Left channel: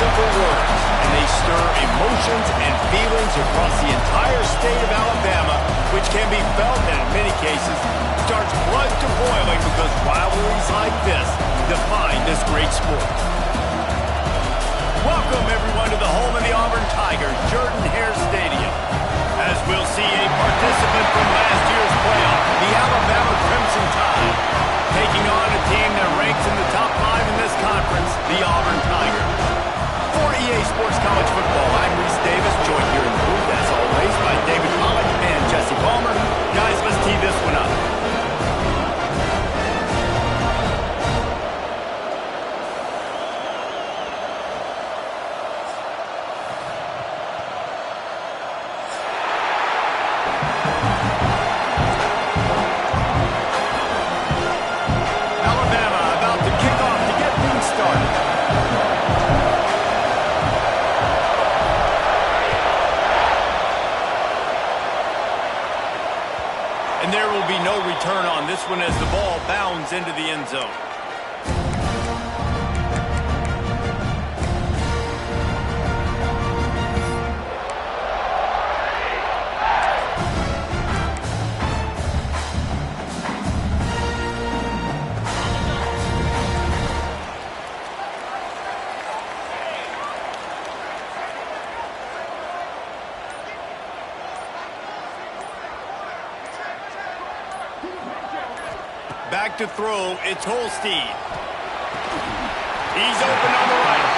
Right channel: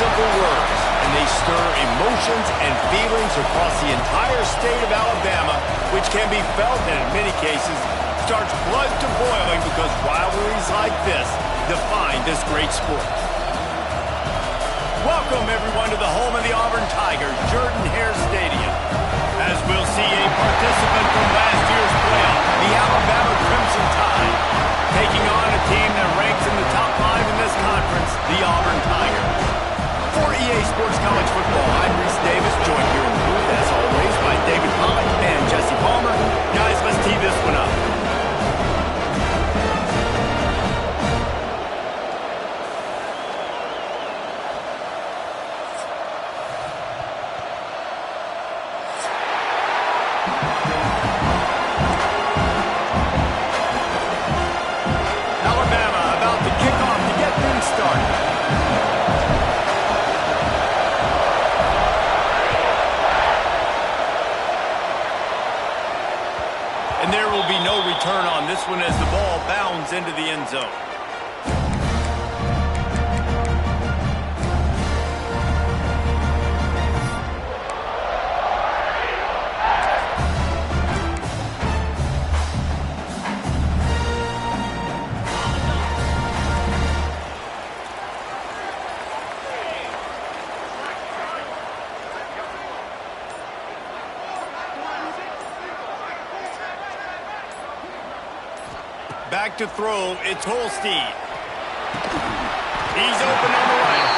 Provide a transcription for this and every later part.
Simple words, and they stir emotions and feelings across the entire state of Alabama, which can be felt and in many cases starts blood to boiling because rivalries like this define this great sport. Welcome everyone to the home of the Auburn Tigers, Jordan-Hare Stadium. As we'll see a participant from last year's playoff, the Alabama Crimson Tide, taking on a team that ranks in the top 5 in this conference, the Auburn Tigers. For EA Sports College Football, I'm Reese Davis, joined here in the booth, as always, by David Pollock and Jesse Palmer. Guys, let's tee this one up. Alabama about to kick off to get things started. And there will be no return on this one as the ball bounds into the end zone. Back to throw, it's Holstein. He's open on the right.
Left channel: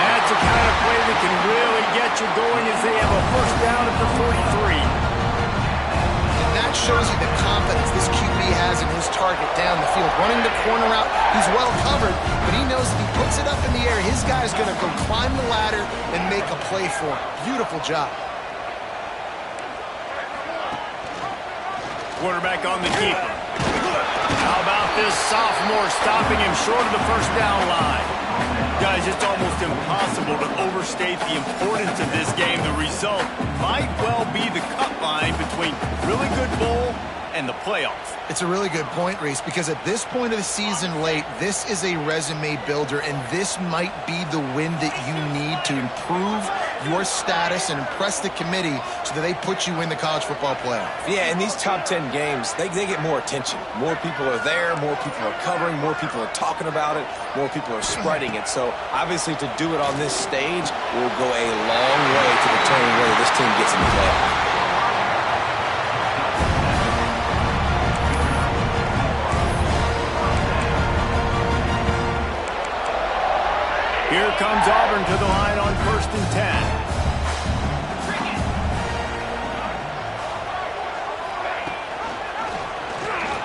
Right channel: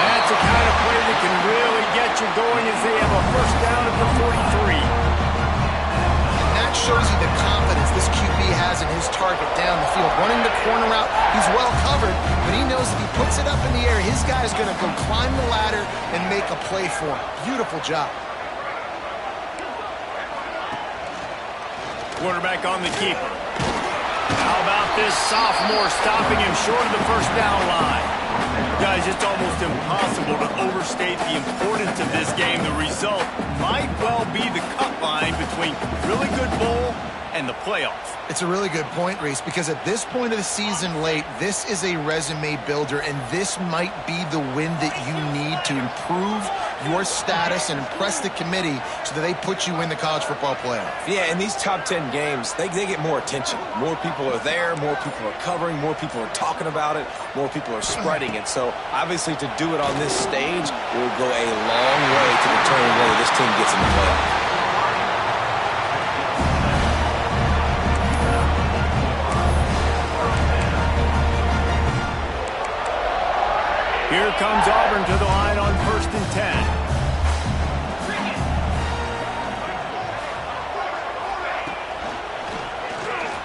That's the kind of play that can really get you going as they have a first down at the 43. And that shows you the confidence this QB has in his target down the field. Running the corner route, he's well covered, but he knows if he puts it up in the air, his guy's going to go climb the ladder and make a play for him. Beautiful job. Quarterback on the keeper. How about this sophomore stopping him short of the first down line? Guys, it's almost impossible to overstate the importance of this game. The result might well be the cut line between really good bowl and the playoffs. It's a really good point, Reese, because at this point of the season late, this is a resume builder, and this might be the win that you need to improve your status and impress the committee so that they put you in the college football playoff. Yeah, in these top 10 games, they get more attention. More people are there, more people are covering, more people are talking about it, more people are spreading it. So obviously to do it on this stage will go a long way to determine whether this team gets in the playoff. Here comes Auburn to the line on 1st and 10.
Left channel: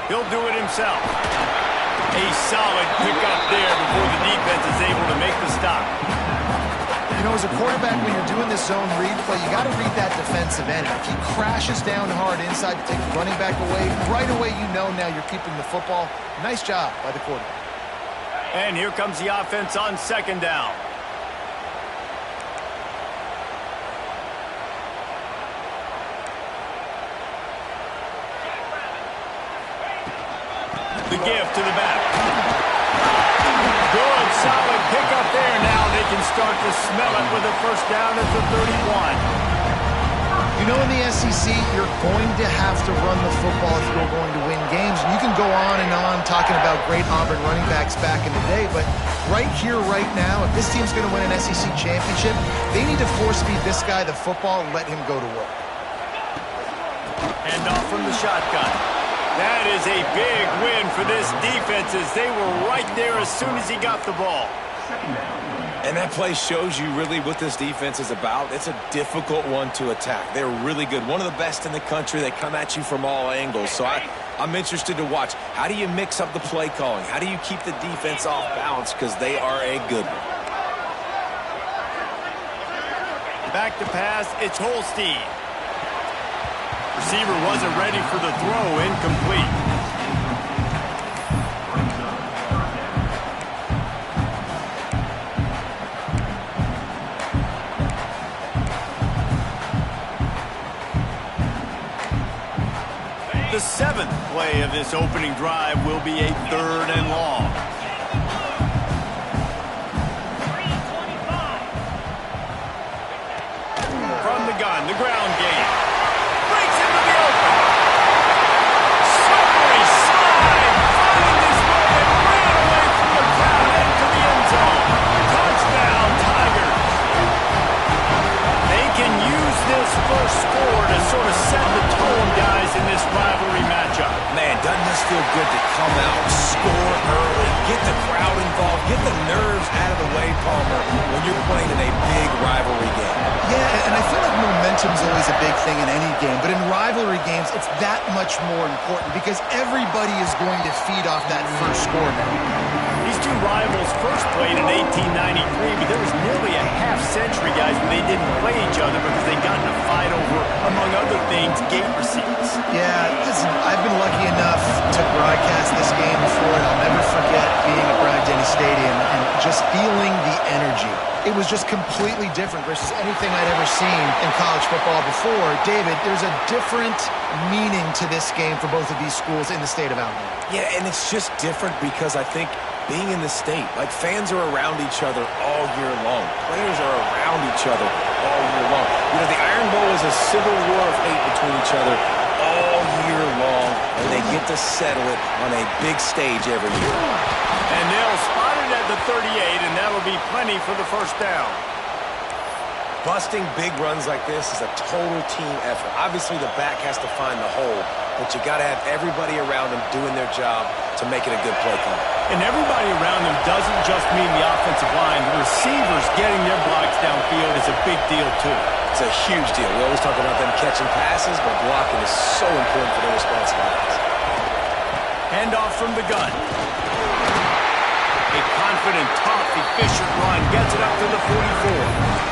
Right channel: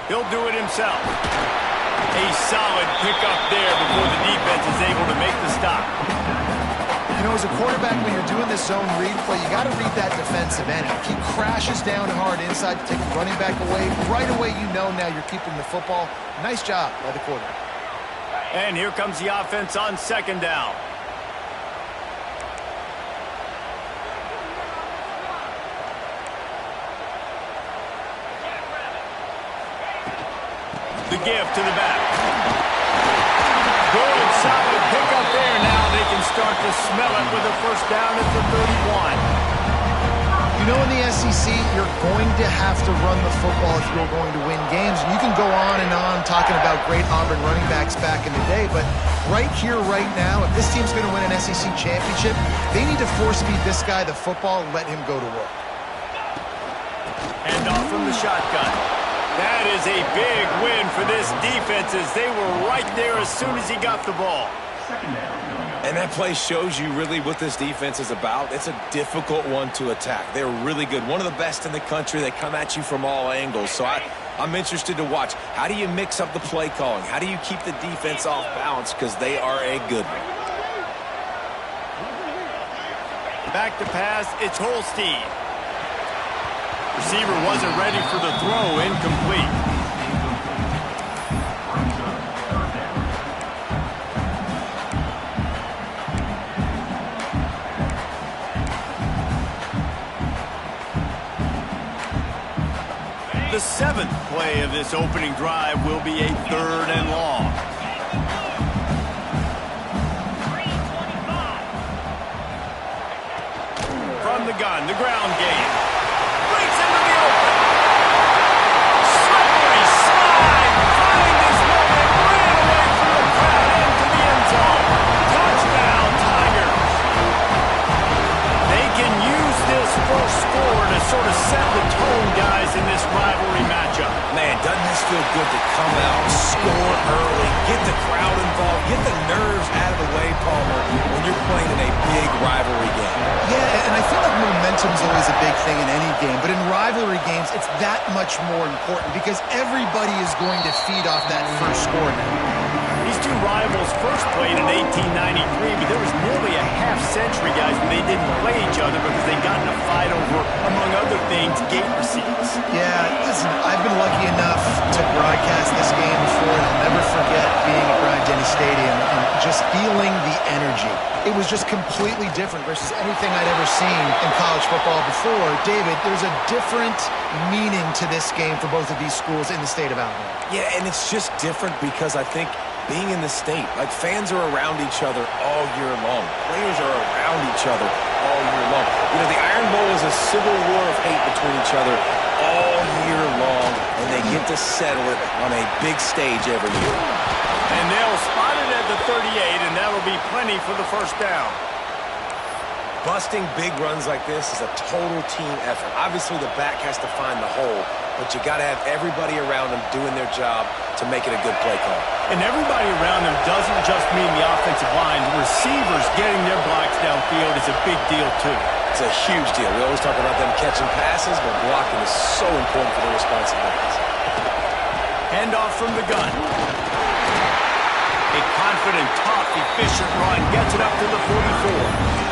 He'll do it himself. A solid pickup there before the defense is able to make the stop. You know, as a quarterback, when you're doing this zone read play, you got to read that defensive end. If he crashes down hard inside to take the running back away, right away you know now you're keeping the football. Nice job by the quarterback. And here comes the offense on 2nd down. The give to the back. Good, solid pickup there. Now they can start to smell it with a first down at the 31. You know, in the SEC, you're going to have to run the football if you're going to win games. And you can go on and on talking about great Auburn running backs back in the day, but right here, right now, if this team's going to win an SEC championship, they need to force-feed this guy the football and let him go to work. Hand off from the shotgun. That is a big win for this defense as they were right there as soon as he got the ball. And that play shows you really what this defense is about. It's a difficult one to attack. They're really good. One of the best in the country. They come at you from all angles. So I'm interested to watch. How do you mix up the play calling? How do you keep the defense off balance? Because they are a good one. Back to pass, it's Holstein. Receiver wasn't ready for the throw, incomplete. The 7th play of this opening drive will be a 3rd and long. From the gun, the ground game. Breaks into the open. Slippery slide. Find his way and ran away from the crowd into the end zone. Touchdown, Tigers. They can use this first score to sort of set the tone, guys, in this rivalry matchup. Man, doesn't this feel good to come out, score early, get the crowd involved, get the nerves out of the way, Palmer, when you're playing in a big rivalry game. Yeah, and I feel like momentum's always a big thing in any game, but in rivalry games, it's that much more important because everybody is going to feed off that first score now. These two rivals first played in 1893, but there was nearly a half-century, guys, when they didn't play each other because they got in a fight over, among other things, gate receipts. Yeah, listen, I've been lucky enough to broadcast this game before, and I'll never forget being at Bryant-Denny Stadium and just feeling the energy. It was just completely different versus anything I'd ever seen in college football before. David, there's a different meaning to this game for both of these schools in the state of Alabama. Yeah, and it's just different because I think being in the state, like fans are around each other all year long. Players are around each other all year long. You know, the Iron Bowl is a civil war of hate between each other all year long, and they get to settle it on a big stage every year. And they'll spot it at the 38, and that'll be plenty for the first down. Busting big runs like this is a total team effort. Obviously, the back has to find the hole, but you got to have everybody around them doing their job to make it a good play call. And everybody around them doesn't just mean the offensive line. The receivers getting their blocks downfield is a big deal, too. It's a huge deal. We always talk about them catching passes, but blocking is so important for their responsibilities. Handoff from the gun. A confident, tough, efficient run gets it up to the 44.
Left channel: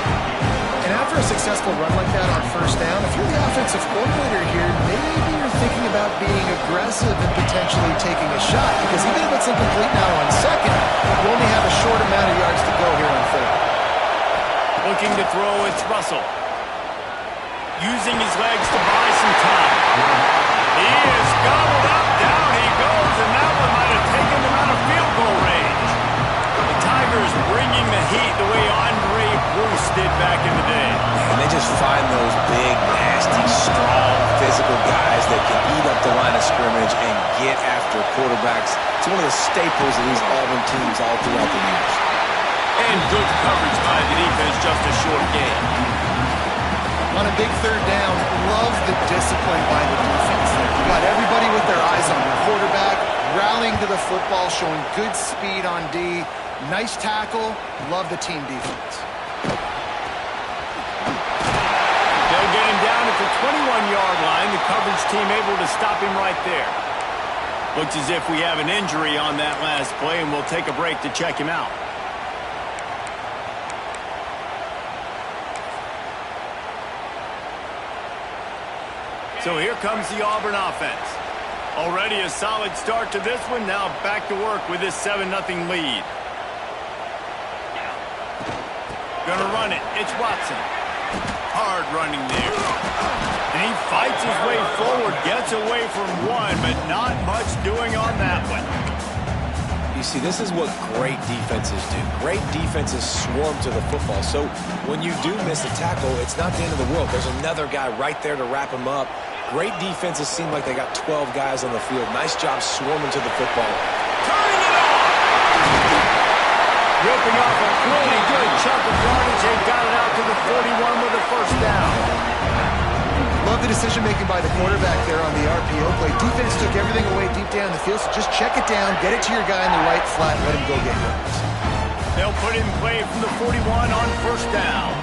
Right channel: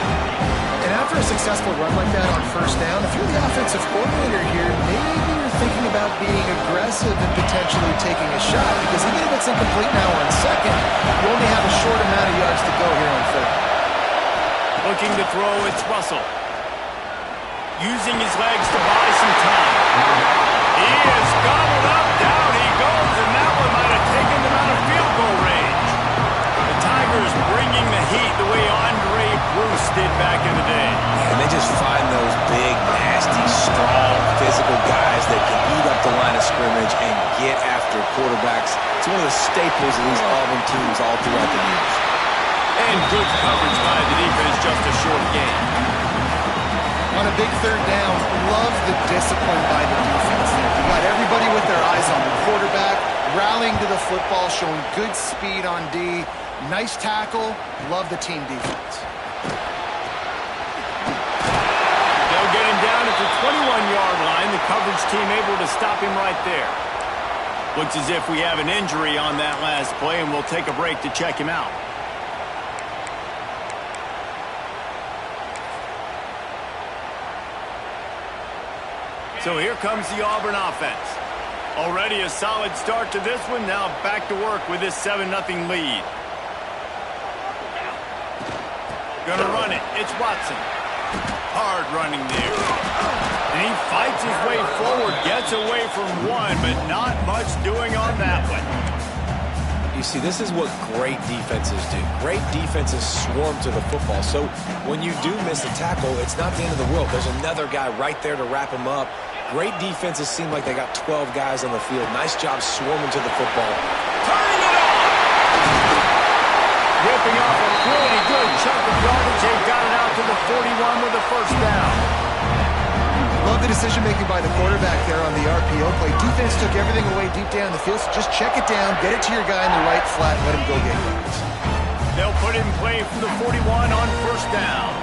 And after a successful run like that on first down, if you're the offensive coordinator here, maybe you're thinking about being aggressive and potentially taking a shot, because even if it's incomplete now on second, you only have a short amount of yards to go here on third. Looking to throw, it's Russell. Using his legs to buy some time. He is gobbled up, down he goes, and that one might have taken them out of field goal range. The Tigers bringing the heat the way Andre Bruce did back in the day. And they just find those big, nasty, strong, physical guys that can eat up the line of scrimmage and get after quarterbacks. It's one of the staples of these Auburn teams all throughout the years. And good coverage by the defense, just a short gain. On a big third down, love the discipline by the defense there. You got everybody with their eyes on the quarterback, rallying to the football, showing good speed on D. Nice tackle. Love the team defense. They'll get him down at the 21-yard line. The coverage team able to stop him right there. Looks as if we have an injury on that last play, and we'll take a break to check him out. So here comes the Auburn offense. Already a solid start to this one. Now back to work with this 7-0 lead. Gonna run it. It's Watson. Hard running there. And he fights his way forward. Gets away from one, but not much doing on that one. You see, this is what great defenses do. Great defenses swarm to the football. So when you do miss a tackle, it's not the end of the world. There's another guy right there to wrap him up. Great defenses seem like they got 12 guys on the field. Nice job swarming to the football. Turning it on! Ripping off a pretty good chunk of yardage. They've got it out to the 41 with a first down. Love the decision-making by the quarterback there on the RPO play. Defense took everything away deep down the field, so just check it down, get it to your guy in the right flat, let him go get yards. They'll put it in play from the 41 on first down.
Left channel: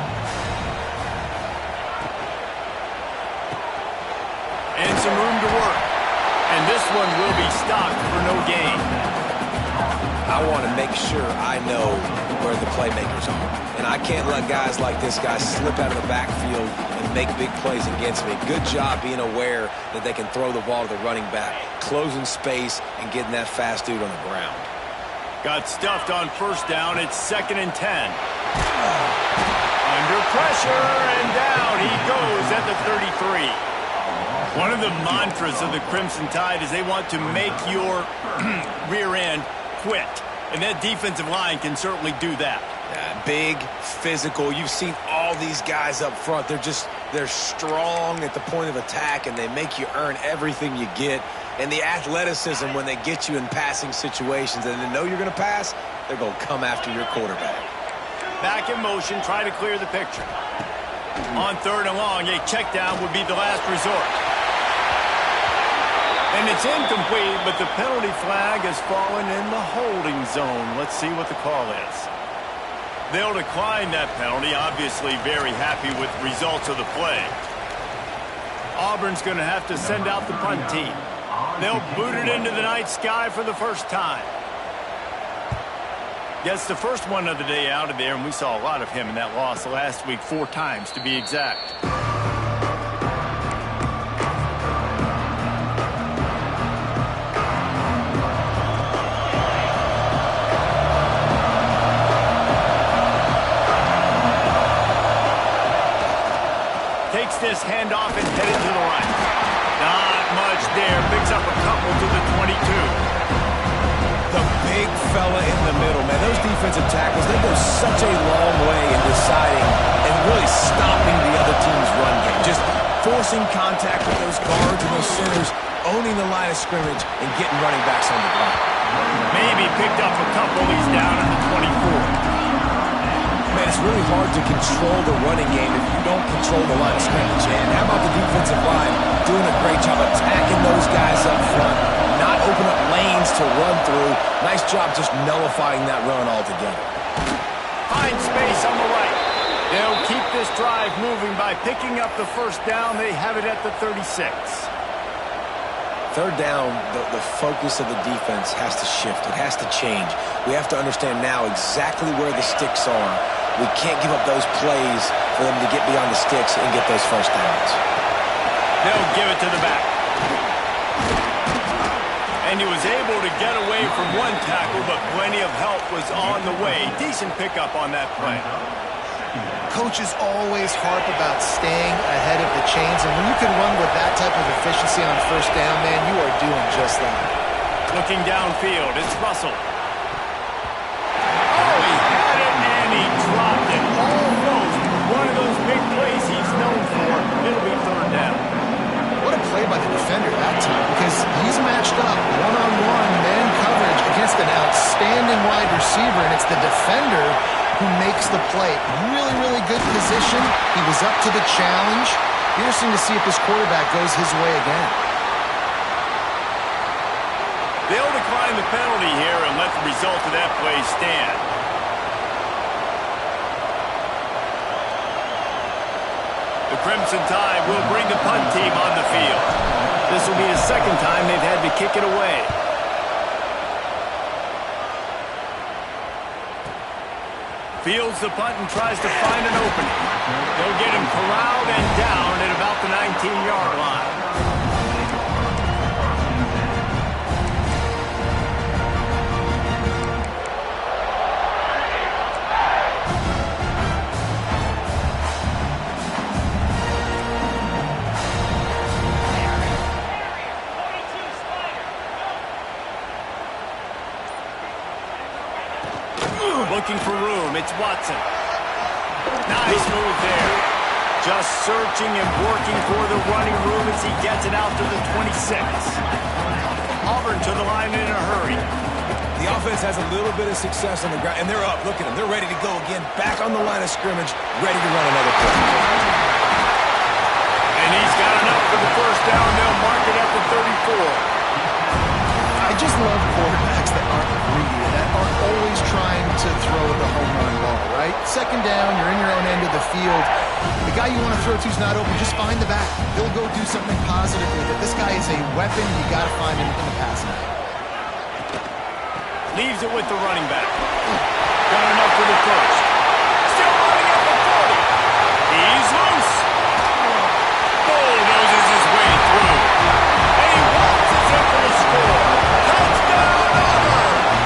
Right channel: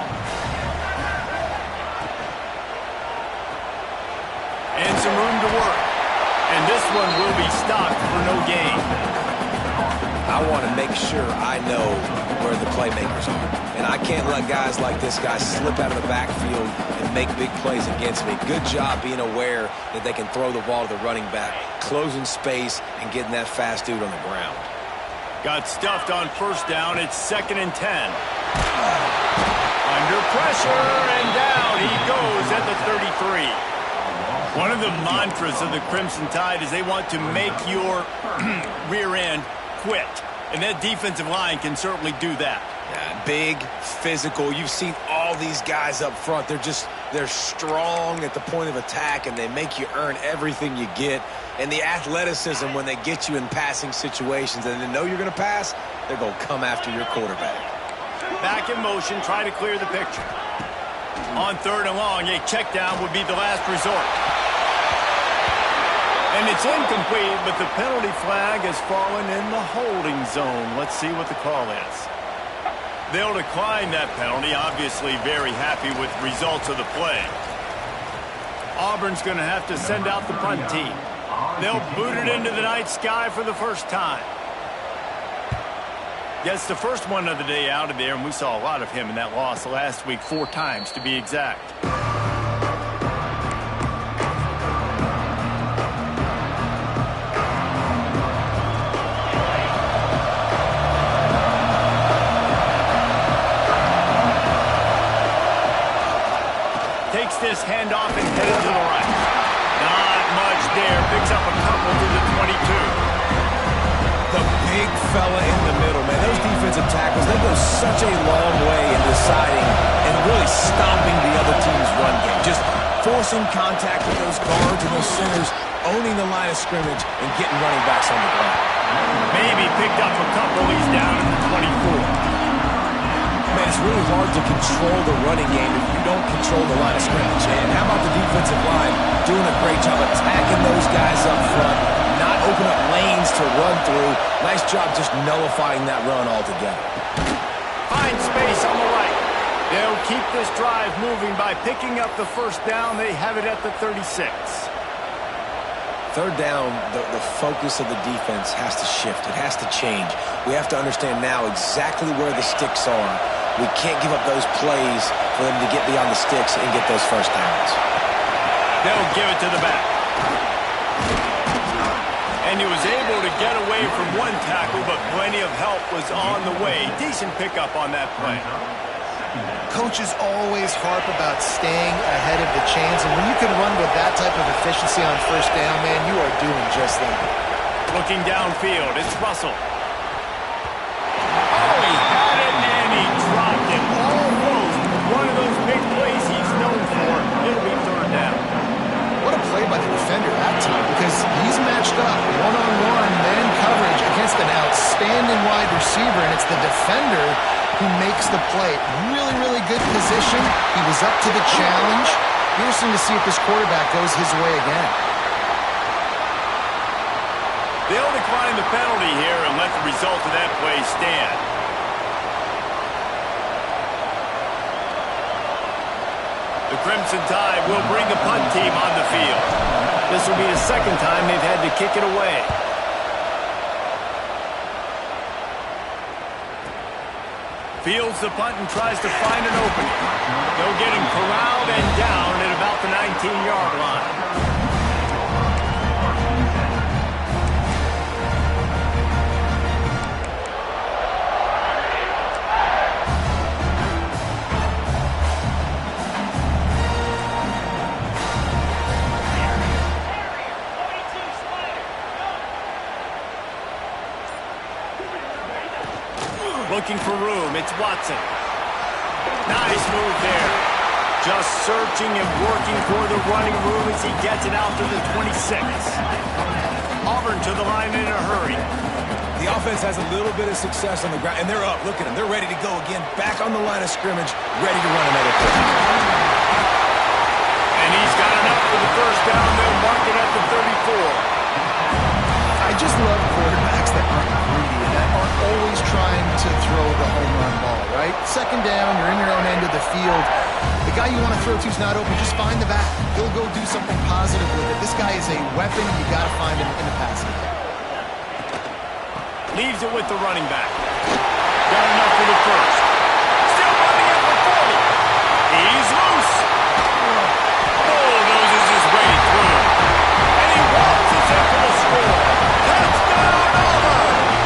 And some room to work. And this one will be stopped for no gain. I want to make sure I know where the playmakers are. And I can't let guys like this guy slip out of the backfield and make big plays against me. Good job being aware that they can throw the ball to the running back, closing space, and getting that fast dude on the ground. Got stuffed on first down. It's 2nd and 10. Under pressure, and down he goes at the 33. One of the mantras of the Crimson Tide is they want to make your rear end quit. And that defensive line can certainly do that. Yeah, big, physical. You've seen all these guys up front. They're strong at the point of attack, and they make you earn everything you get. And the athleticism when they get you in passing situations and they know you're going to pass, they're going to come after your quarterback. Back in motion, try to clear the picture. On 3rd and long, a check down would be the last resort. And it's incomplete, but the penalty flag has fallen in the holding zone. Let's see what the call is. They'll decline that penalty, obviously very happy with the results of the play. Auburn's going to have to send out the punt team. They'll boot it into the night sky for the first time. Gets the first one of the day out of there, and we saw a lot of him in that loss last week, 4 times to be exact. Takes this handoff and headed to the right. Not much there. Picks up a couple to the 22. The big fella in the middle, man. Those defensive tackles, they go such a long way in deciding and really stopping the other team's run game. Just forcing contact with those guards and those centers, owning the line of scrimmage, and getting running backs on the ground. Maybe picked up a couple. He's down in the 24. Man, it's really hard to control the running game if you don't control the line of scrimmage. And how about the defensive line doing a great job attacking those guys up front, not open up lanes to run through. Nice job just nullifying that run altogether. Find space on the right. They'll keep this drive moving by picking up the first down. They have it at the 36. 3rd down, the focus of the defense has to shift. It has to change. We have to understand now exactly where the sticks are. We can't give up those plays for them to get beyond the sticks and get those first downs. They'll give it to the back. And he was able to get away from one tackle, but plenty of help was on the way. Decent pickup on that play. Coaches always harp about staying ahead of the chains, and when you can run with that type of efficiency on first down, man, you are doing just that. Looking downfield, it's Russell. Oh, he had it, and he dropped it. Almost one of those big plays he's known for. It'll be 3rd down. What a play by the defender that time, because he's matched up one-on-one man coverage against an outstanding wide receiver, and it's the defender who makes the play. Really, really good position. He was up to the challenge. Interesting to see if this quarterback goes his way again. They'll decline the penalty here and let the result of that play stand. The Crimson Tide will bring the punt team on the field. This will be the 2nd time they've had to kick it away. Fields the punt and tries to find an opening. They'll get him corralled and down at about the 19-yard line. Looking for room, it's Watson. Nice move there. Just searching and working for the running room as he gets it out to the 26. Auburn to the line in a hurry. The offense has a little bit of success on the ground, and they're up. Look at them. They're ready to go again. Back on the line of scrimmage, ready to run another play. And he's got enough for the first down. They'll mark it at the 34. I just love quarterbacks that aren't greedy and that aren't always trying to throw the home run ball, right? 2nd down, you're in your own end of the field. The guy you want to throw to is not open. Just find the back. He'll go do something positive with it. This guy is a weapon. You got to find him in the passing game. Leaves it with the running back. Got enough for the first. Still running at the 40. He's loose. Bulldozes his way through. And he waltzes in for the score. Touchdown, Auburn!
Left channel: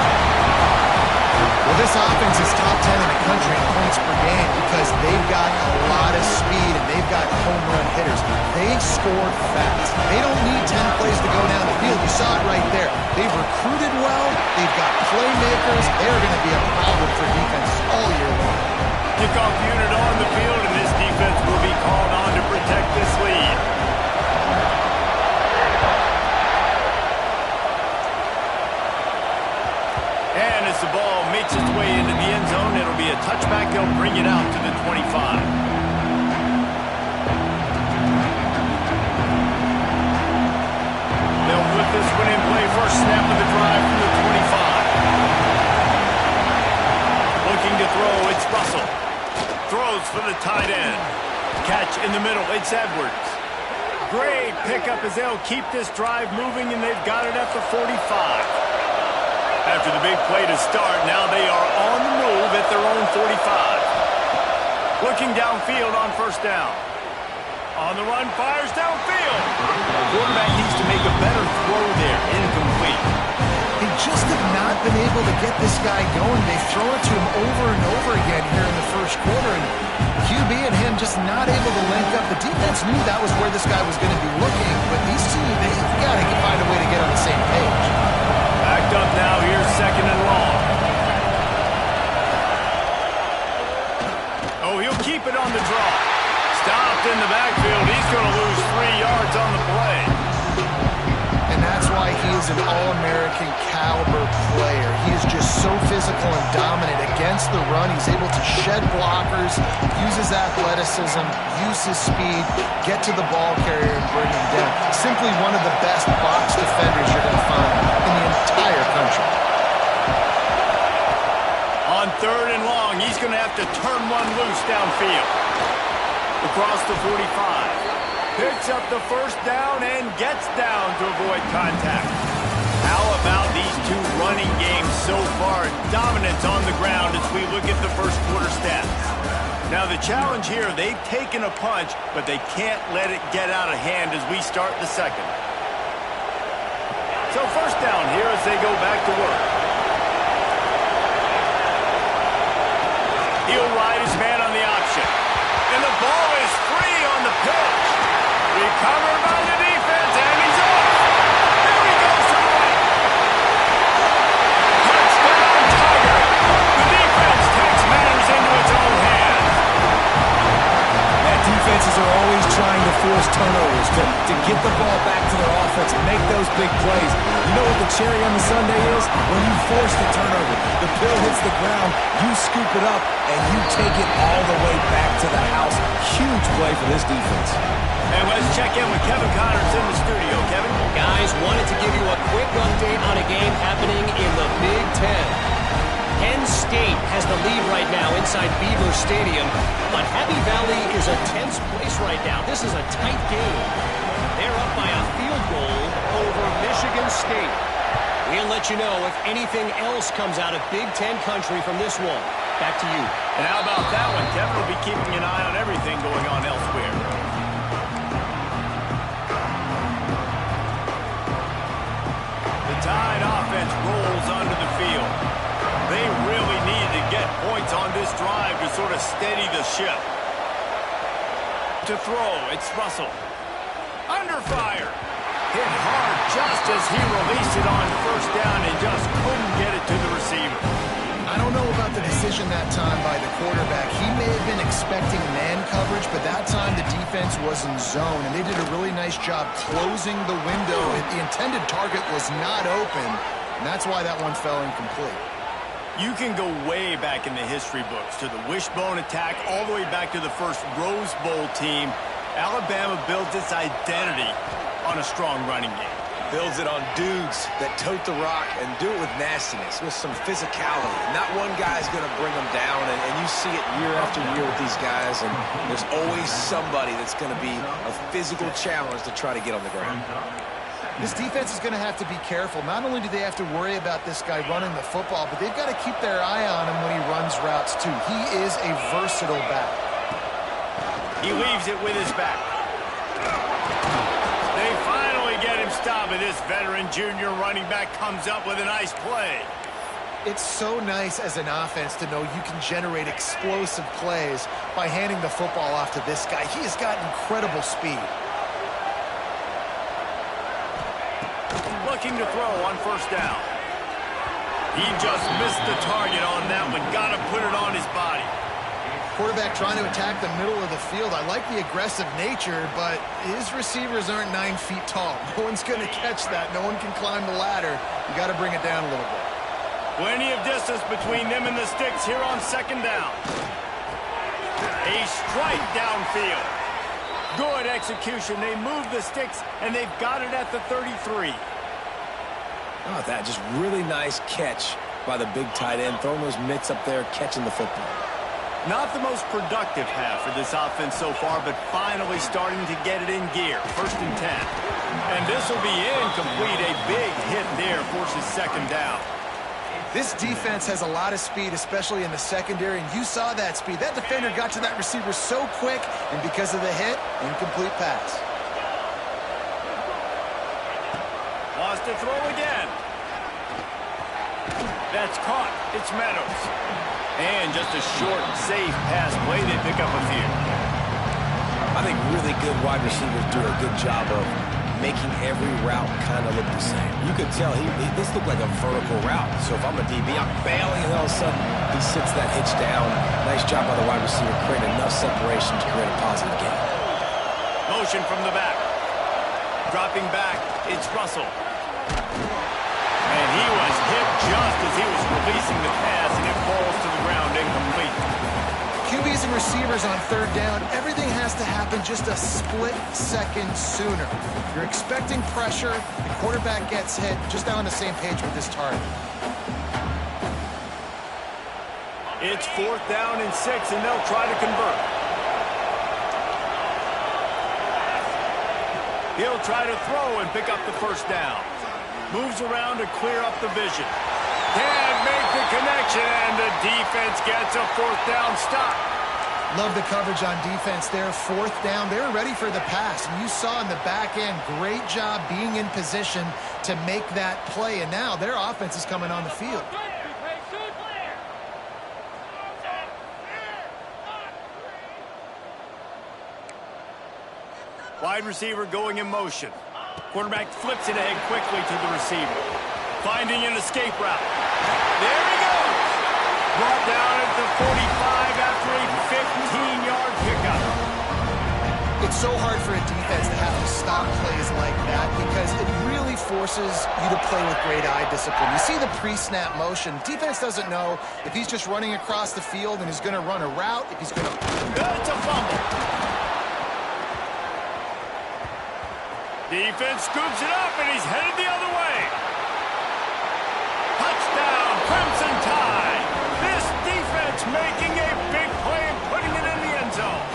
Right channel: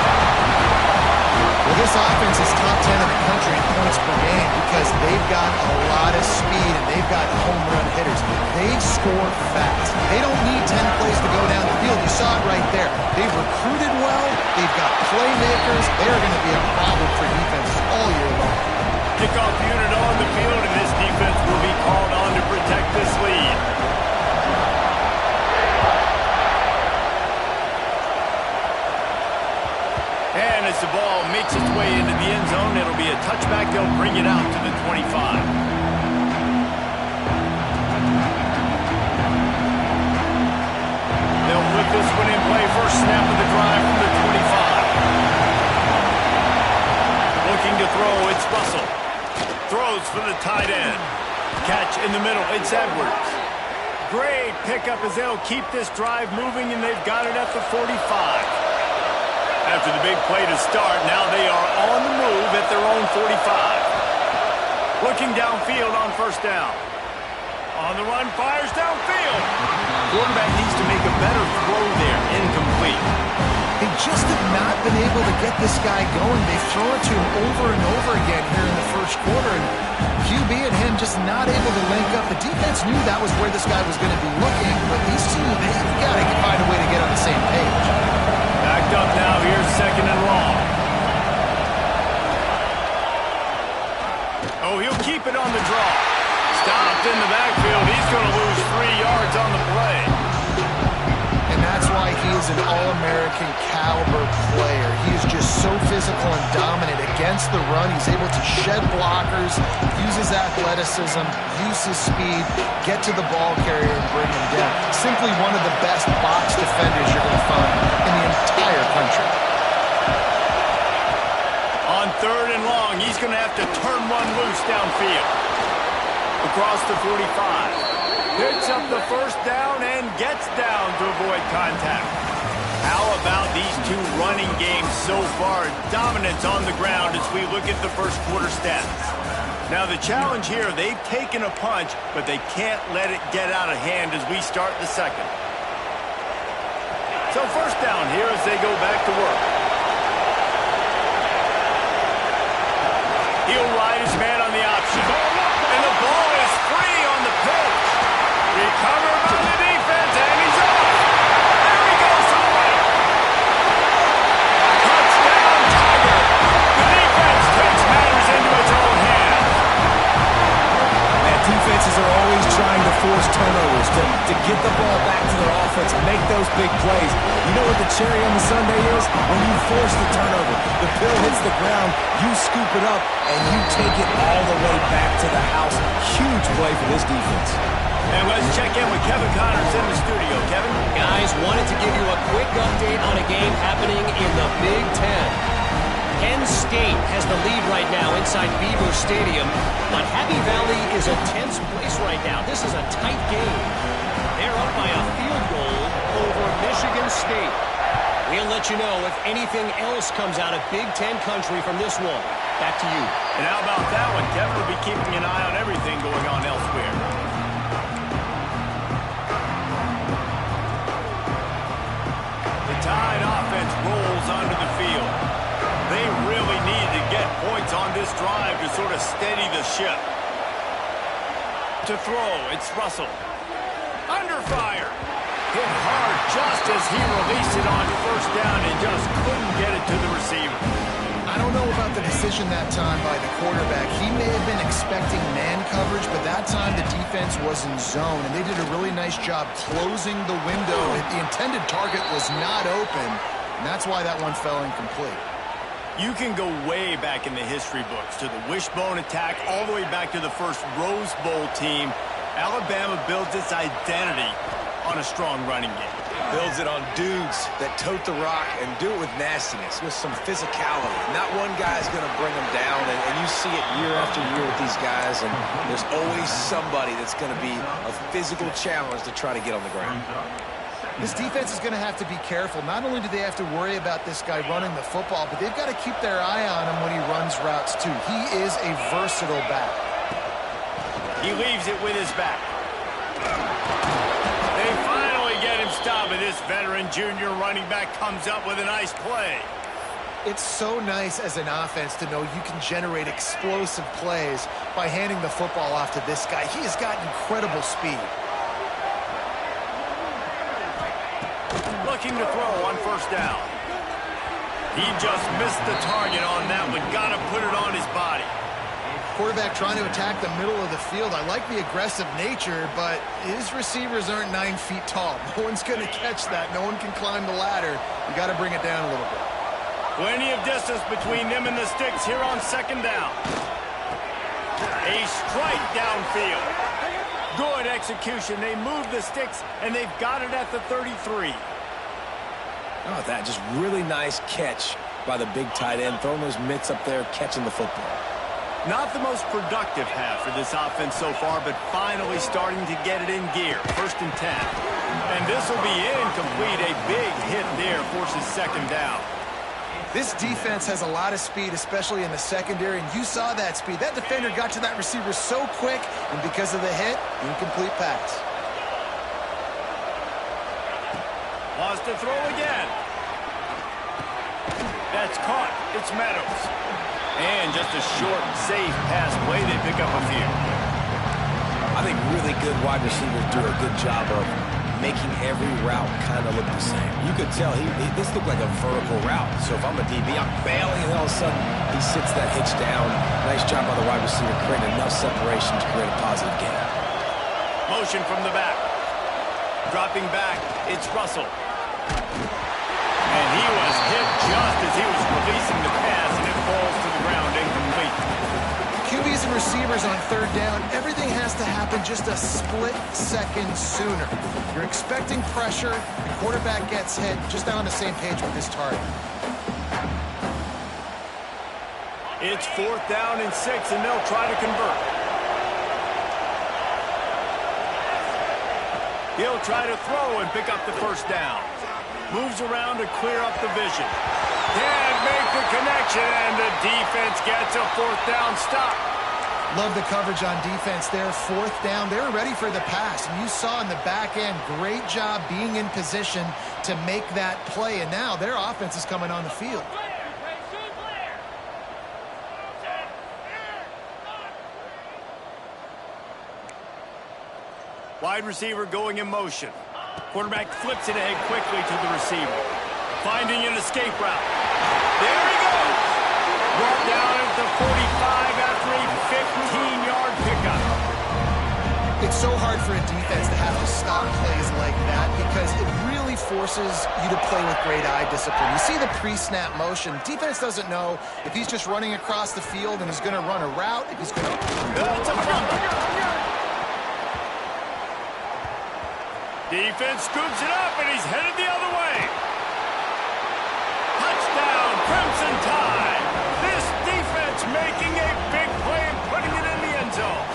Well, this offense is top 10 in the country in points per game because they've got a lot of speed and they've got home run hitters. They score fast. They don't need 10 plays to go down the field. You saw it right there. They've recruited well. They've got playmakers. They're going to be a problem for defenses all year long. Kickoff unit on the field, and this defense will be called on to protect this lead. And as the ball makes its way into the end zone, it'll be a touchback. They'll bring it out to the 25. They'll put this one in play. First snap of the drive from the 25. Looking to throw, it's Russell. Throws for the tight end. Catch in the middle, it's Edwards. Great pickup as they'll keep this drive moving, and they've got it at the 45. After the big play to start, now they are on the move at their own 45. Looking downfield on first down. On the run, fires downfield. Quarterback needs to make a better throw there. Incomplete. They just have not been able to get this guy going. They've thrown it to him over and over again here in the first quarter, and QB and him just not able to link up. The defense knew that was where this guy was going to be looking, but these two, they've got to find a way to get on the same page. Backed up now, here's second and long. Oh, he'll keep it on the draw. Stopped in the backfield. He's going to lose 3 yards on the play. And that's why he is an All-American caliber player. He is just so physical and dominant against the run. He's able to shed blockers, use his athleticism, use his speed, get to the ball carrier and bring him down. Simply one of the best box defenders you're going to find in the entire country. On third and long, he's going to have to turn one loose downfield. Across the 45. Picks up the first down and gets down to avoid contact. How about these two running games so far? Dominance on the ground as we look at the first quarter stats. Now the challenge here, they've taken a punch, but they can't let it get out of hand as we start the second. So first down here as they go back to work. He'll ride his man on the option. And the ball is free on the pitch. Recovered by the defense, and he's off. There he goes to the right. Touchdown, Tiger. The defense takes matters into its own hands. Man, defenses are always trying to force turnovers, to get the ball back to their offense and make those big plays. You know what the cherry on the sundae is? When you force the turnover, the pill hits the ground, you scoop it up, and you take it all the way back to the house. Huge play for this defense. And let's check in with Kevin Connors in the studio. Kevin? Guys, wanted to give you a quick update on a game happening in the Big Ten. Penn State has the lead right now inside Beaver Stadium, but Happy Valley is a tense place right now. This is a tight game. They're up by a field goal over Michigan State. We'll let you know if anything else comes out of Big Ten country from this one. Back to you. And how about that one? Kevin will be keeping an eye on everything going on elsewhere. Tide offense rolls onto the field. They really need to get points on this drive to sort of steady the ship. To throw, it's Russell. Under fire. Hit hard just as he released it on first down and just couldn't get it to the receiver. I don't know about the decision that time by the quarterback. He may have been expecting man coverage, but that time the defense was in zone, and they did a really nice job closing the window. The intended target was not open, and that's why that one fell incomplete. You can go way back in the history books to the wishbone attack, all the way back to the first Rose Bowl team. Alabama builds its identity on a strong running game. Builds it on dudes that tote the rock and do it with nastiness, with some physicality. Not one guy's going to bring them down, and you see it year after year with these guys, and there's always somebody that's going to be a physical challenge to try to get on the ground. This defense is going to have to be careful. Not only do they have to worry about this guy running the football, but they've got to keep their eye on him when he runs routes too. He is a versatile back. He leaves it with his back. They finally get him stopped, and this veteran junior running back comes up with a nice play. It's so nice as an offense to know you can generate explosive plays by handing the football off to this guy. He has got incredible speed. Looking to throw on first down. He just missed the target on that one. Got to put it on his body. Quarterback trying to attack the middle of the field. I like the aggressive nature, but his receivers aren't 9 feet tall. No one's going to catch that. No one can climb the ladder. You got to bring it down a little bit. Plenty of distance between them and the sticks here on second down. A strike downfield. Good execution. They move the sticks, and they've got it at the 33. Oh, that just really nice catch by the big tight end, throwing those mitts up there, catching the football. Not the most productive half for this offense so far, but finally starting to get it in gear. 1st and 10. And this will be incomplete. A big hit there forces second down. This defense has a lot of speed, especially in the secondary, and you saw that speed. That defender got to that receiver so quick, and because of the hit, incomplete pass. Wants to throw again. That's caught. It's Meadows. And just a short, safe pass play. They pick up a few. I think really good wide receivers do a good job of making every route kind of look the same. You could tell this looked like a vertical route. So if I'm a DB, I'm bailing, and all of a sudden he sits that hitch down. Nice job by the wide receiver, creating enough separation to create a positive gain. Motion from the back. Dropping back, it's Russell. And he was hit just as he was releasing the pass, and it falls to the ground incomplete. QBs and receivers on third down, everything has to happen just a split second sooner. You're expecting pressure, the quarterback gets hit, just not on the same page with his target. It's 4th down and 6, and they'll try to convert. He'll try to throw and pick up the first down. Moves around to clear up the vision. Can't make the connection, and the defense gets a 4th down stop. Love the coverage on defense there. 4th down, they're ready for the pass. And you saw in the back end, great job being in position to make that play. And now their offense is coming on the field. Wide receiver going in motion. Quarterback flips it ahead quickly to the receiver. Finding an escape route. There he goes. Brought down at the 45 after a 15-yard pickup. It's so hard for a defense to have to stop plays like that because it really forces you to play with great eye discipline. You see the pre-snap motion. Defense doesn't know if he's just running across the field and he's going to run a route, if he's going to... It's a fumble. Defense scoops it up, and he's headed the other way. Touchdown, Crimson Tide. This defense making a big play and putting it in the end zone.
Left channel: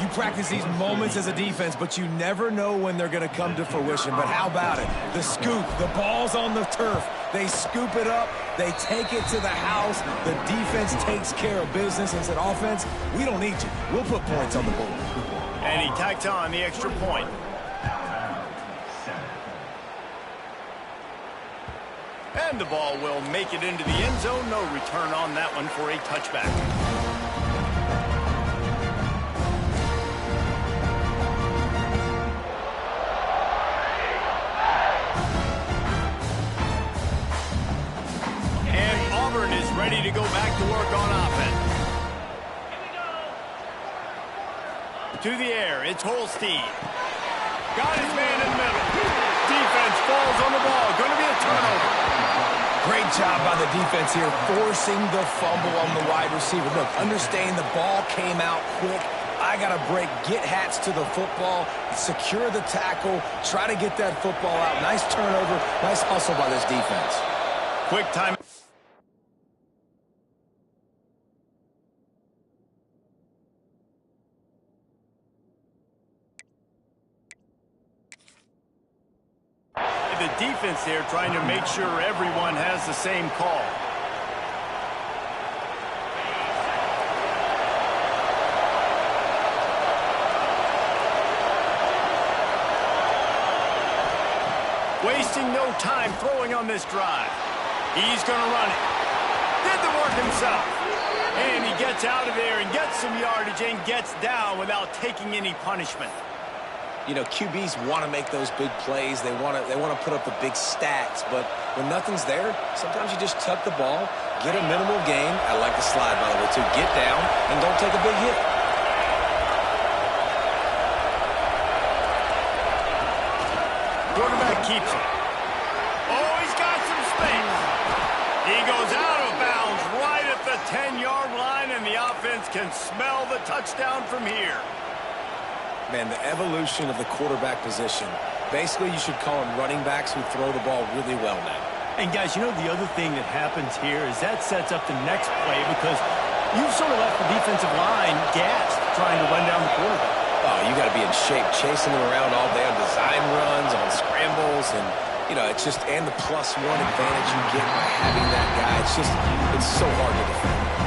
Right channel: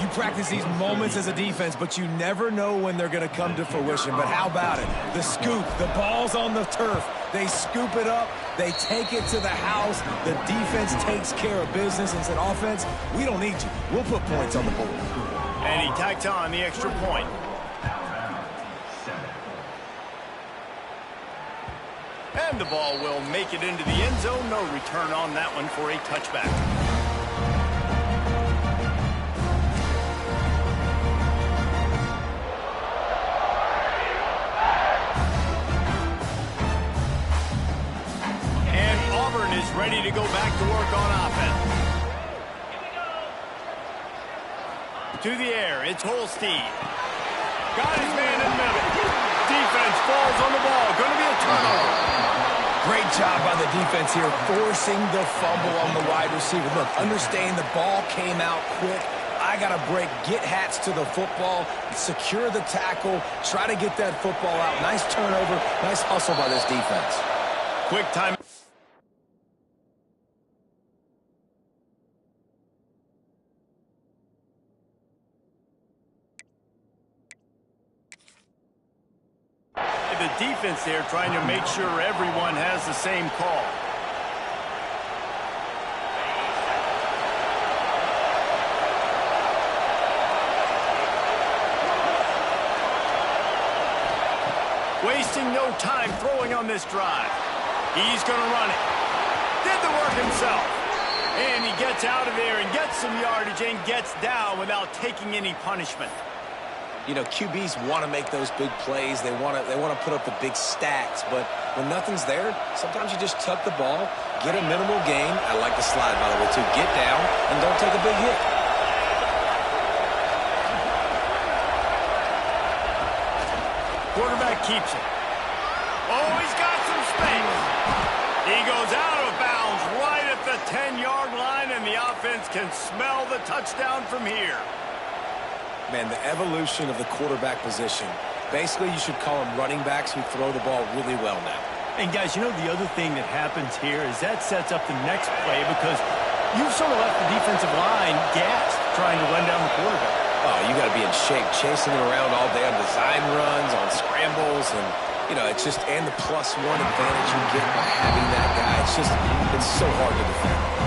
You practice these moments as a defense, but you never know when they're going to come to fruition. But how about it? The scoop, the ball's on the turf. They scoop it up. They take it to the house. The defense takes care of business and said, offense, we don't need you. We'll put points on the board. And he tacks on the extra point. And the ball will make it into the end zone. No return on that one for a touchback. And Auburn is ready to go back to work on offense. To the air, it's Holstein. Got his man in the middle. Defense falls on the ball. Going to be a turnover. Great job by the defense here, forcing the fumble on the wide receiver. Look, understand the ball came out quick. I got to break, get hats to the football, secure the tackle, try to get that football out. Nice turnover, nice hustle by this defense. Quick time. the defense there trying to make sure everyone has the same call. Wasting no time throwing on this drive. He's going to run it. Did the work himself. And he gets out of there and gets some yardage and gets down without taking any punishment. You know, QBs want to make those big plays. They want to put up the big stats. But when nothing's there, sometimes you just tuck the ball, get a minimal gain. I like the slide, by the way, too. Get down and don't take a big hit. Quarterback keeps it. Oh, he's got some space. He goes out of bounds right at the 10-yard line, and the offense can smell the touchdown from here. Man, the evolution of the quarterback position. Basically, you should call them running backs who throw the ball really well now. And, guys, you know the other thing that happens here is that sets up the next play because you've sort of left the defensive line gassed trying to run down the quarterback. Oh, you got to be in shape, chasing him around all day on design runs, on scrambles, and, you know, it's just, and the +1 advantage you get by having that guy. It's just, it's so hard to defend.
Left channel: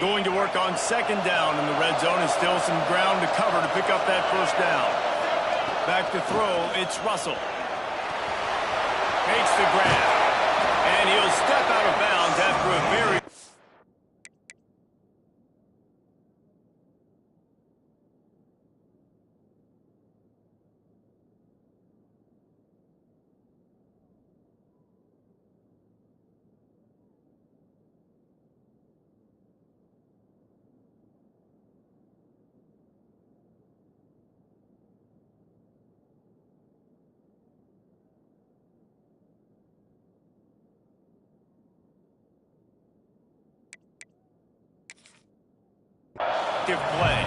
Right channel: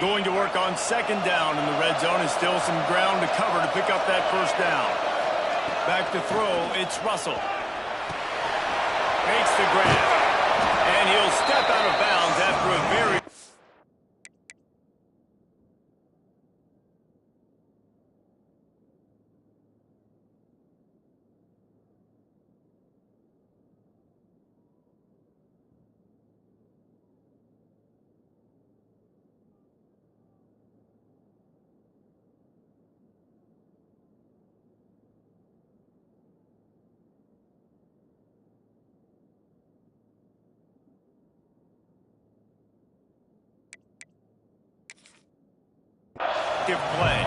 Going to work on second down in the red zone, and still some ground to cover to pick up that first down. Back to throw, it's Russell. Makes the grab. And he'll step out of bounds after a very... play.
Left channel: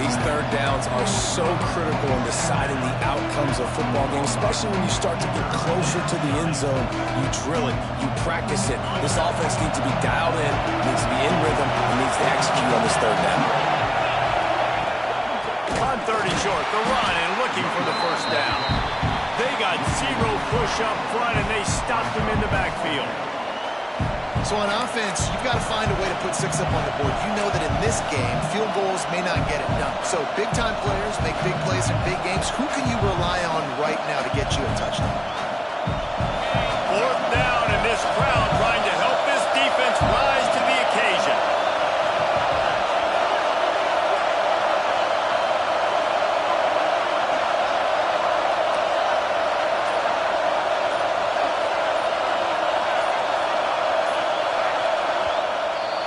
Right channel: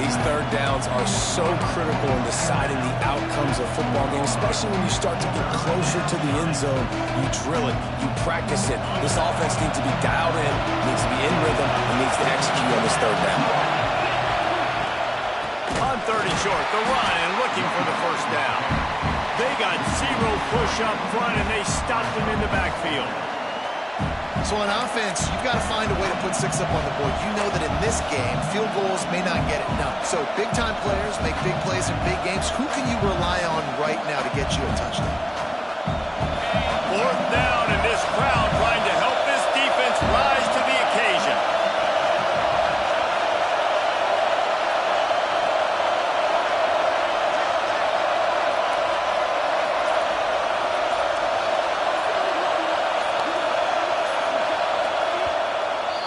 These third downs are so critical in deciding the outcomes of football games, especially when you start to get closer to the end zone. You drill it, you practice it. This offense needs to be dialed in, needs to be in rhythm, and needs to execute on this third down. On 30 short, the run and looking for the first down. They got zero push up front, and they stopped him in the backfield. So on offense, you've got to find a way to put 6 up on the board. You know that in this game, field goals may not get it done. So big-time players make big plays in big games. Who can you rely on right now to get you a touchdown? Fourth down, and this crowd trying to help this defense rise to the occasion.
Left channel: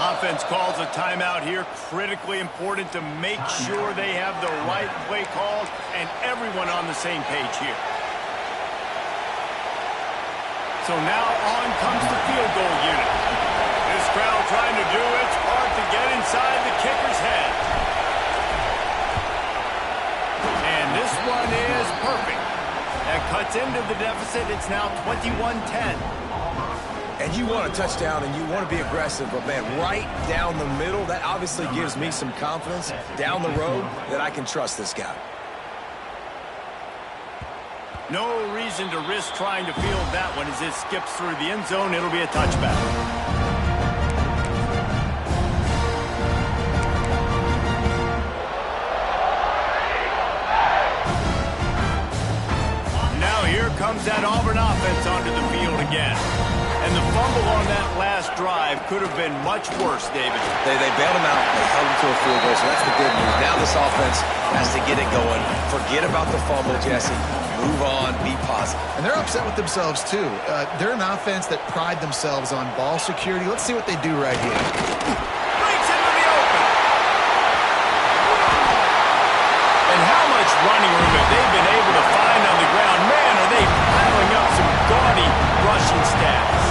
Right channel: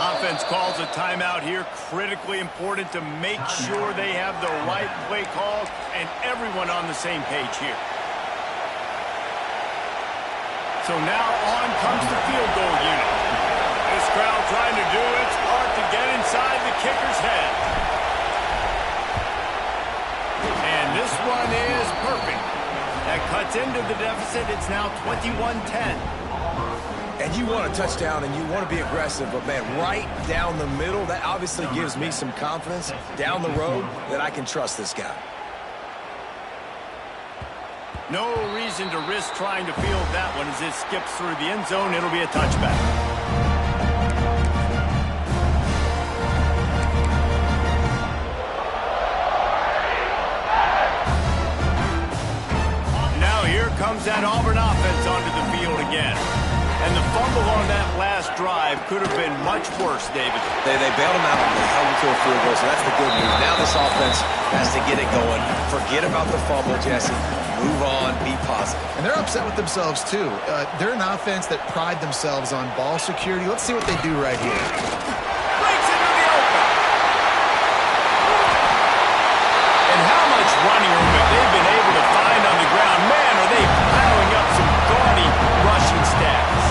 Offense calls a timeout here. Critically important to make sure they have the right play call and everyone on the same page here. So now on comes the field goal unit. This crowd trying to do its part to get inside the kicker's head. And this one is perfect. That cuts into the deficit. It's now 21-10. And you want a touchdown and you want to be aggressive, but man, right down the middle, that obviously gives me some confidence down the road that I can trust this guy. No reason to risk trying to field that one as it skips through the end zone. It'll be a touchback. Here comes that Auburn offense onto the field again. And the fumble on that last drive could have been much worse, David. They bailed him out. They held him to a field goal, so that's the good news. Now this offense has to get it going. Forget about the fumble, Jesse. Move on. Be positive. And they're upset with themselves, too. They're an offense that pride themselves on ball security. Let's see what they do right here. Breaks into the open. And how much running room have they been able to find on the ground? Man, are they piling up some gaudy rushing stats.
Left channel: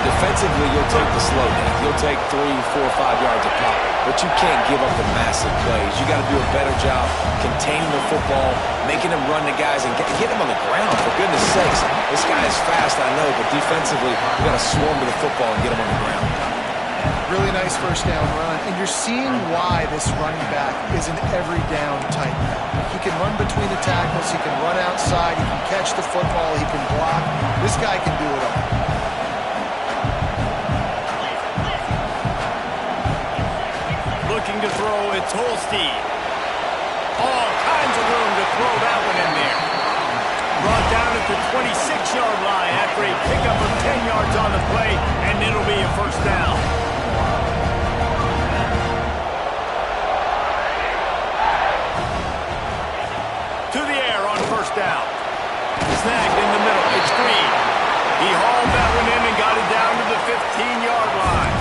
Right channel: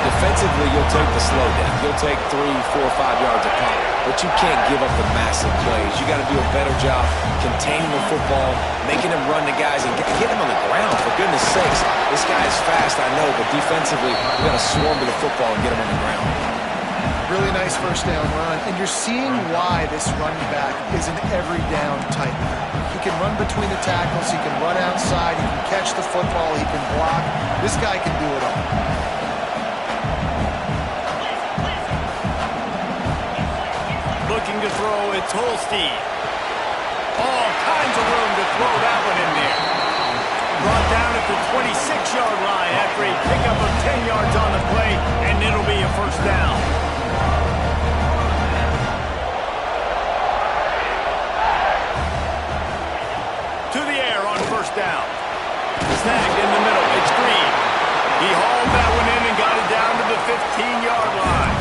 Defensively, you'll take the slow down. You'll take 3, 4, 5 yards a pop, but you can't give up the massive plays. You got to do a better job containing the football, making them run the guys, and get them on the ground, for goodness sakes. This guy is fast, I know, but defensively, we got to swarm to the football and get him on the ground. Really nice first down run, and you're seeing why this running back is an every down type back. He can run between the tackles, he can run outside, he can catch the football, he can block. This guy can do it all. Looking to throw, it's Holstein. All kinds of room to throw that one in there. Brought down at the 26-yard line after a pickup of 10 yards on the play, and it'll be a first down. To the air on first down. Snagged in the middle. It's Green. He hauled that one in and got it down to the 15-yard line.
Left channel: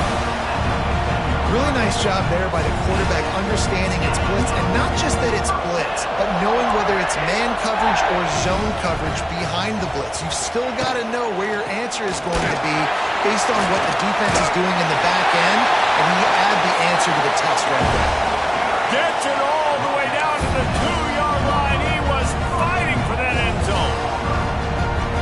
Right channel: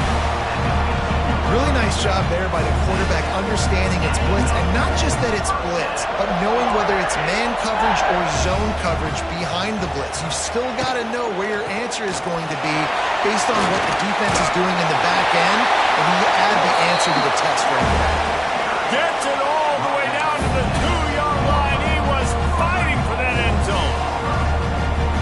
Really nice job there by the quarterback understanding it's blitz, and not just that it's blitz, but knowing whether it's man coverage or zone coverage behind the blitz. You've still got to know where your answer is going to be based on what the defense is doing in the back end, and you add the answer to the test right there. Gets it all the way down to the 2-yard line. He was fighting for that end zone.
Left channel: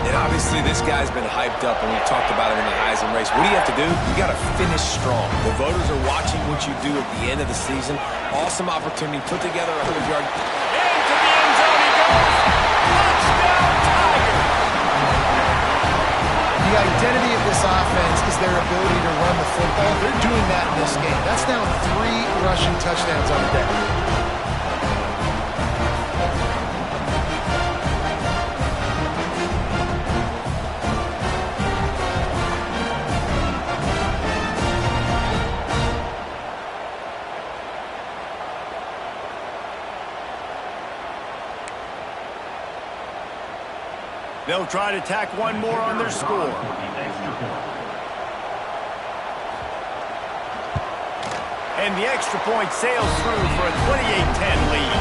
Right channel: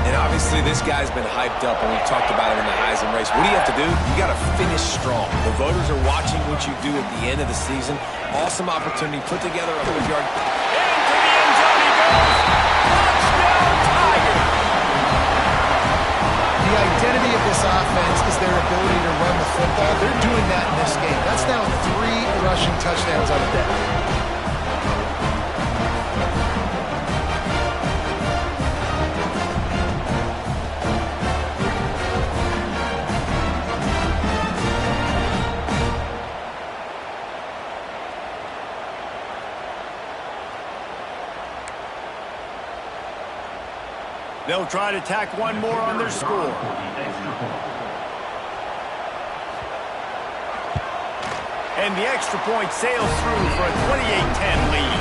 And obviously this guy's been hyped up, and we've talked about him in the Heisman race. What do you have to do? You got to finish strong. The voters are watching what you do at the end of the season. Awesome opportunity. Put together a 100-yard. Into the end zone he goes. Touchdown, Tigers. The identity of this offense is their ability to run the football. They're doing that in this game. That's now 3 rushing touchdowns on the day. They'll try to tack one more on their score. And the extra point sails through for a 28-10 lead.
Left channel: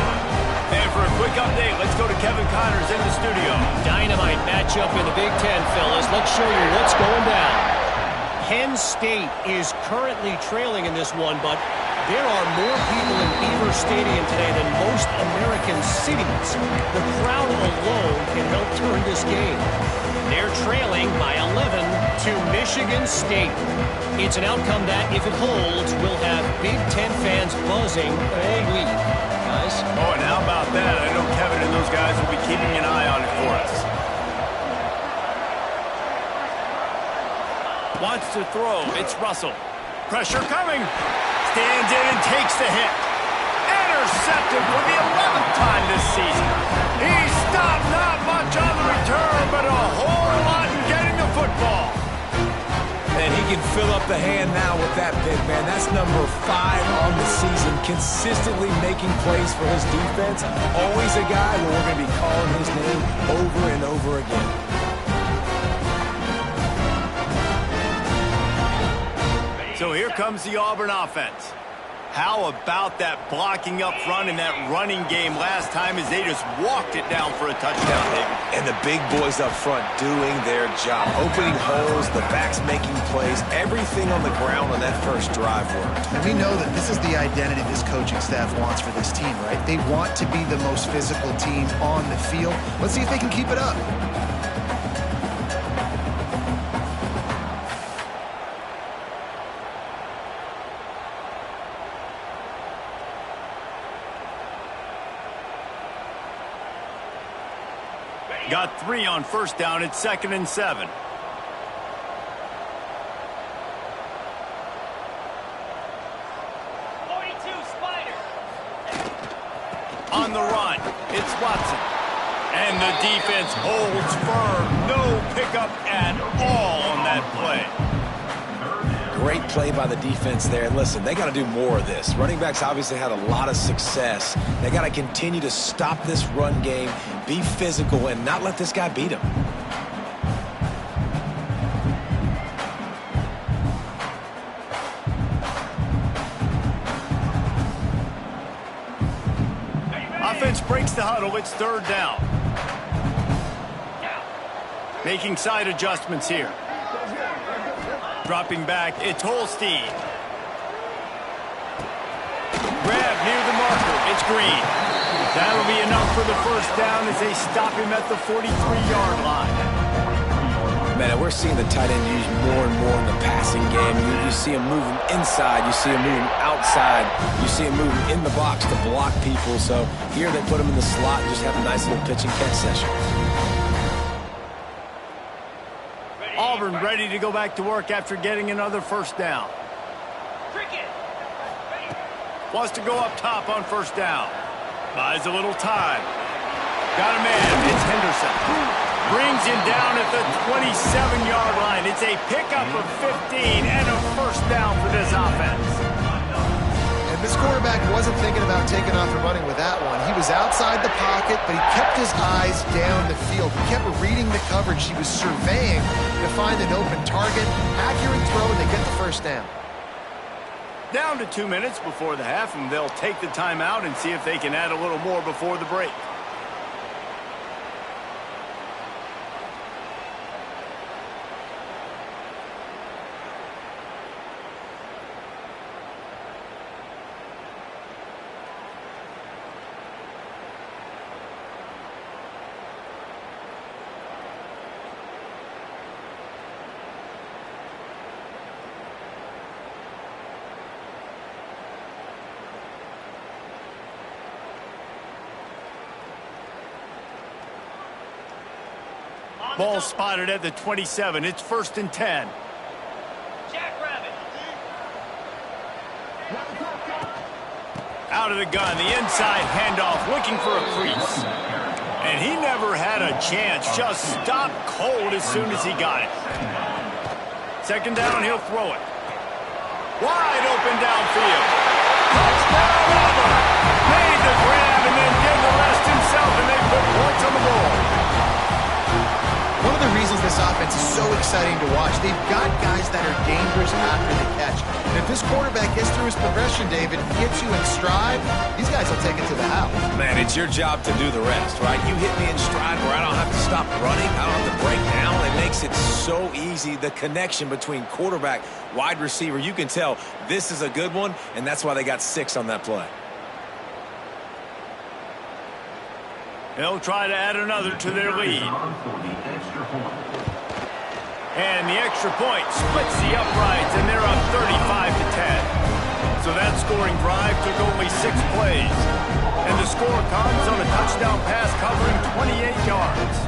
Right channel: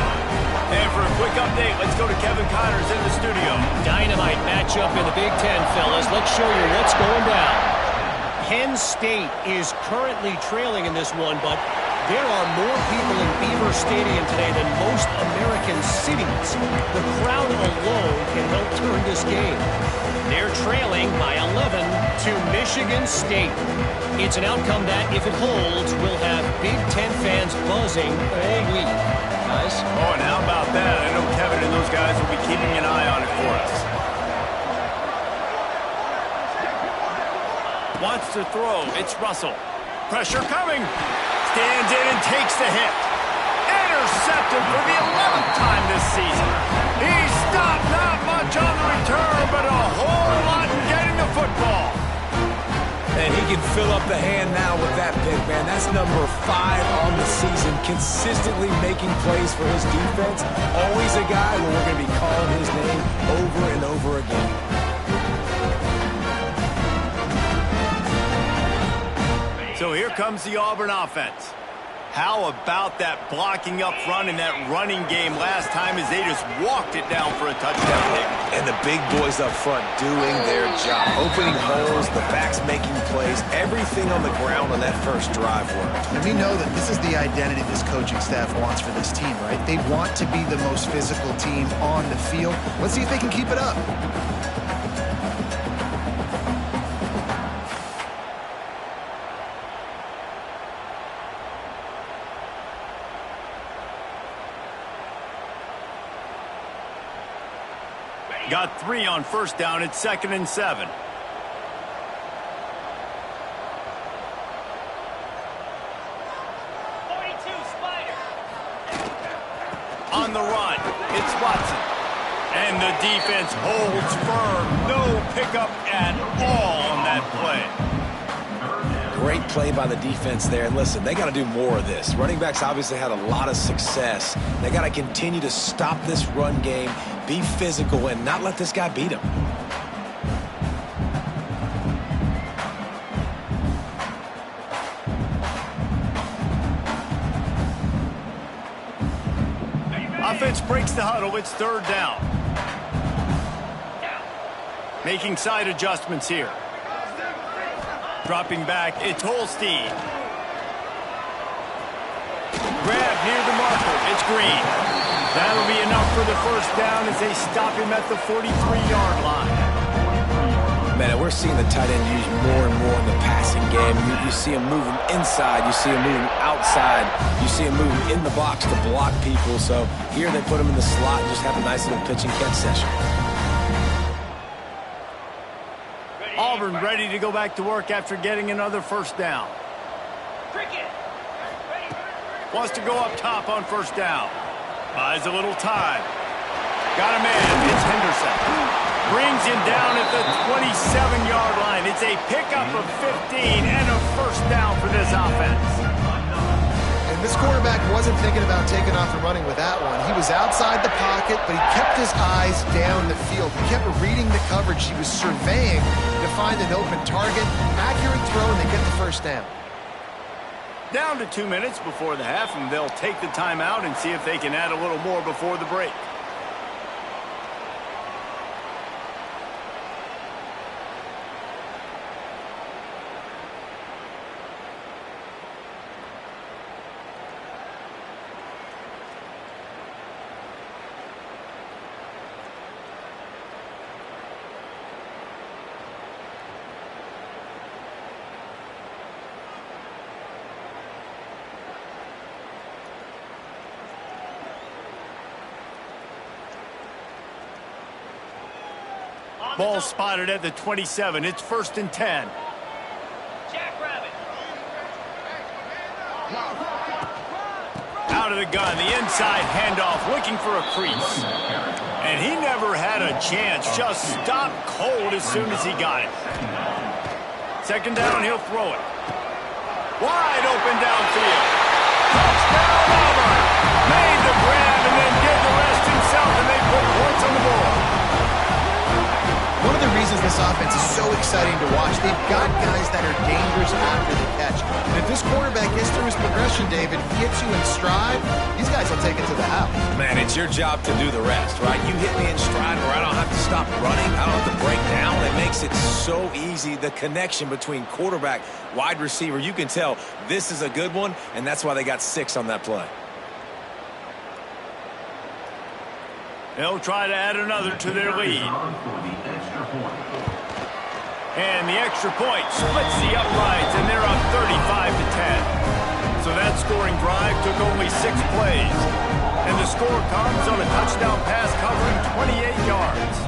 And for a quick update, let's go to Kevin Connors in the studio. Dynamite matchup in the Big Ten, fellas. Let's show you what's going down. Penn State is currently trailing in this one, but there are more people in Beaver Stadium today than most American cities. The crowd alone can help turn this game. They're trailing by 11 to Michigan State. It's an outcome that, if it holds, will have Big Ten fans buzzing all week. Guys? Oh, and how about that? I know Kevin and those guys will be keeping an eye on it for us. Wants to throw. It's Russell. Pressure coming. Stands in and takes the hit. Intercepted for the 11th time this season. He stopped not much on the return, but a whole lot in getting the football. And he can fill up the hand now with that pick, man. That's number 5 on the season, consistently making plays for his defense. Always a guy where we're going to be calling his name over and over again. So here comes the Auburn offense. How about that blocking up front in that running game last time as they just walked it down for a touchdown, David? And the big boys up front doing their job. Opening holes, the backs making plays, everything on the ground on that first drive worked. And we know that this is the identity this coaching staff wants for this team, right? They want to be the most physical team on the field. Let's see if they can keep it up. Got 3 on first down. It's 2nd and 7. On the run, it's Watson. And the defense holds firm. No pickup at all on that play. Great play by the defense there. And listen, they got to do more of this. Running backs obviously had a lot of success. They got to continue to stop this run game, be physical, and not let this guy beat them. Offense breaks the huddle. It's 3rd down. Making side adjustments here. Dropping back, it's Holstein. Grab near the marker, it's Green. That'll be enough for the first down as they stop him at the 43-yard line. Man, we're seeing the tight end used more and more in the passing game. You see him moving inside. You see him moving outside. You see him moving in the box to block people. So here they put him in the slot and just have a nice little pitch and catch session. Auburn ready to go back to work after getting another first down. Wants to go up top on first down. Buys a little time. Got a man. It's Henderson. Brings him down at the 27-yard line. It's a pickup of 15 and a first down for this offense. And this quarterback wasn't thinking about taking off and running with that one. He was outside the pocket, but he kept his eyes down the field. He kept reading the coverage. He was surveying to find an open target. Accurate throw, and they get the first down. Down to 2 minutes before the half, and they'll take the timeout and see if they can add a little more before the break. Ball spotted at the 27. It's 1st and 10. Jackrabbit. Out of the gun, the inside handoff, looking for a crease. And he never had a chance. Just stopped cold as soon as he got it. 2nd down, he'll throw it. Wide open downfield. Touchdown, Auburn. Made the grab and then did the rest himself, and they put points on the board. One of the reasons this offense is so exciting to watch, they've got guys that are dangerous after the catch. And if this quarterback gets through his progression, David, hits you in stride, these guys will take it to the house. Man, it's your job to do the rest, right? You hit me in stride where I don't have to stop running. I don't have to break down. It makes it so easy, the connection between quarterback, wide receiver. You can tell this is a good one, and that's why they got 6 on that play. They'll try to add another to their lead. And the extra point splits the uprights, and they're up 35-10. So that scoring drive took only 6 plays. And the score comes on a touchdown pass covering 28 yards.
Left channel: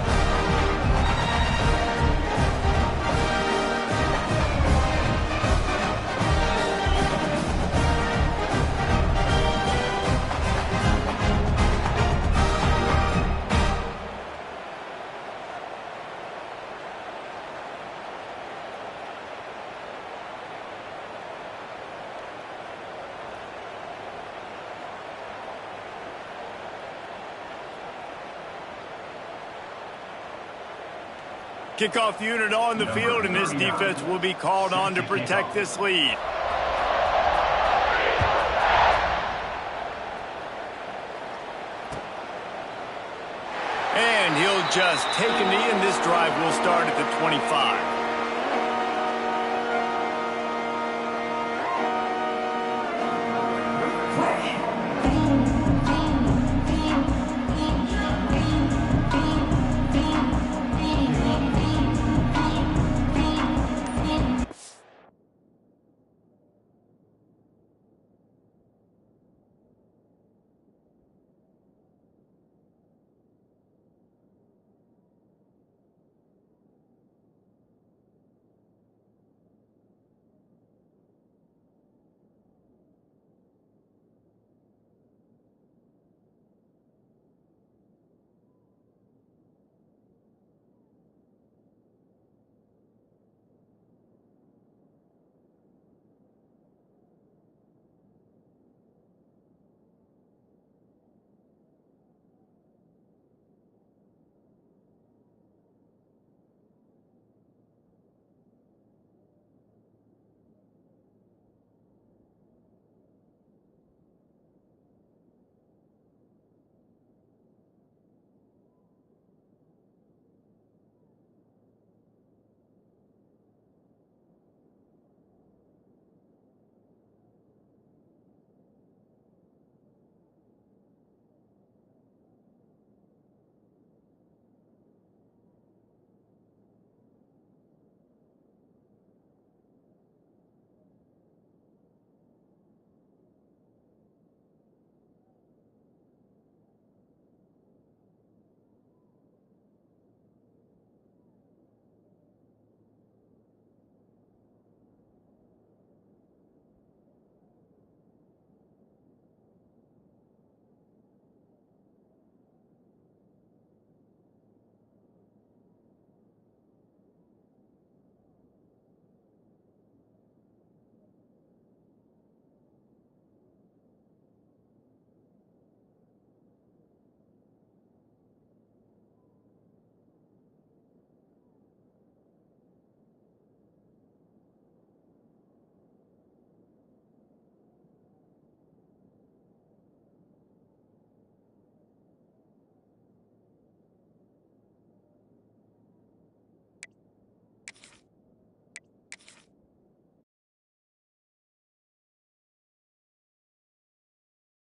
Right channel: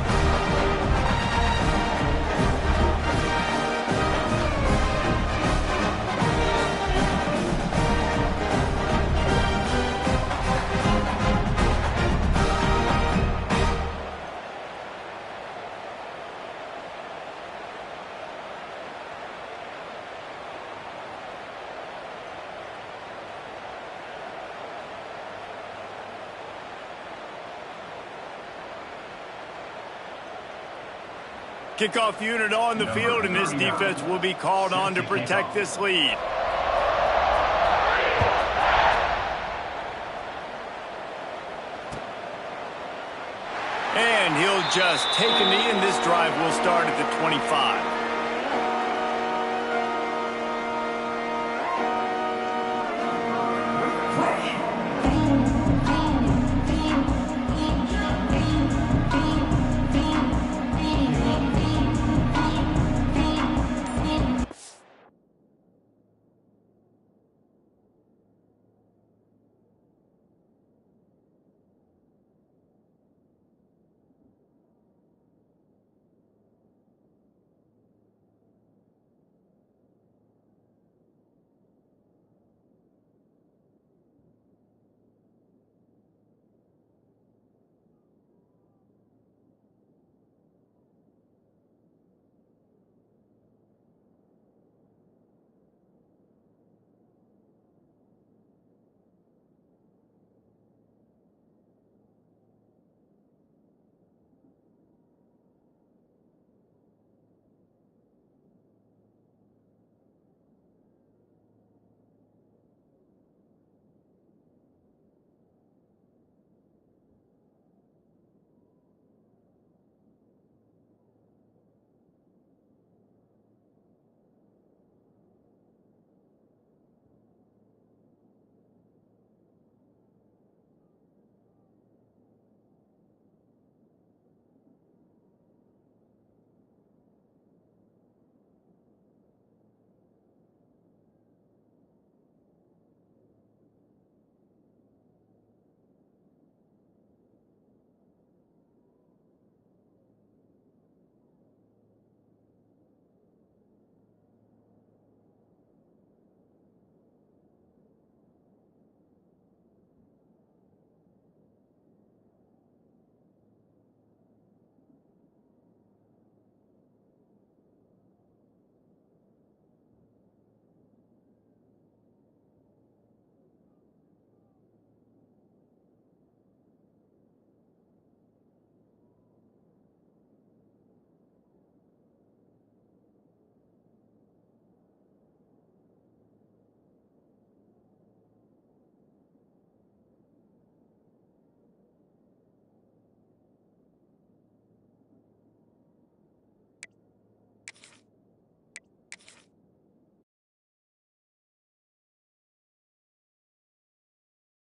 Kickoff unit on the field, and this defense will be called on to protect this lead. And he'll just take a knee, and this drive will start at the 25.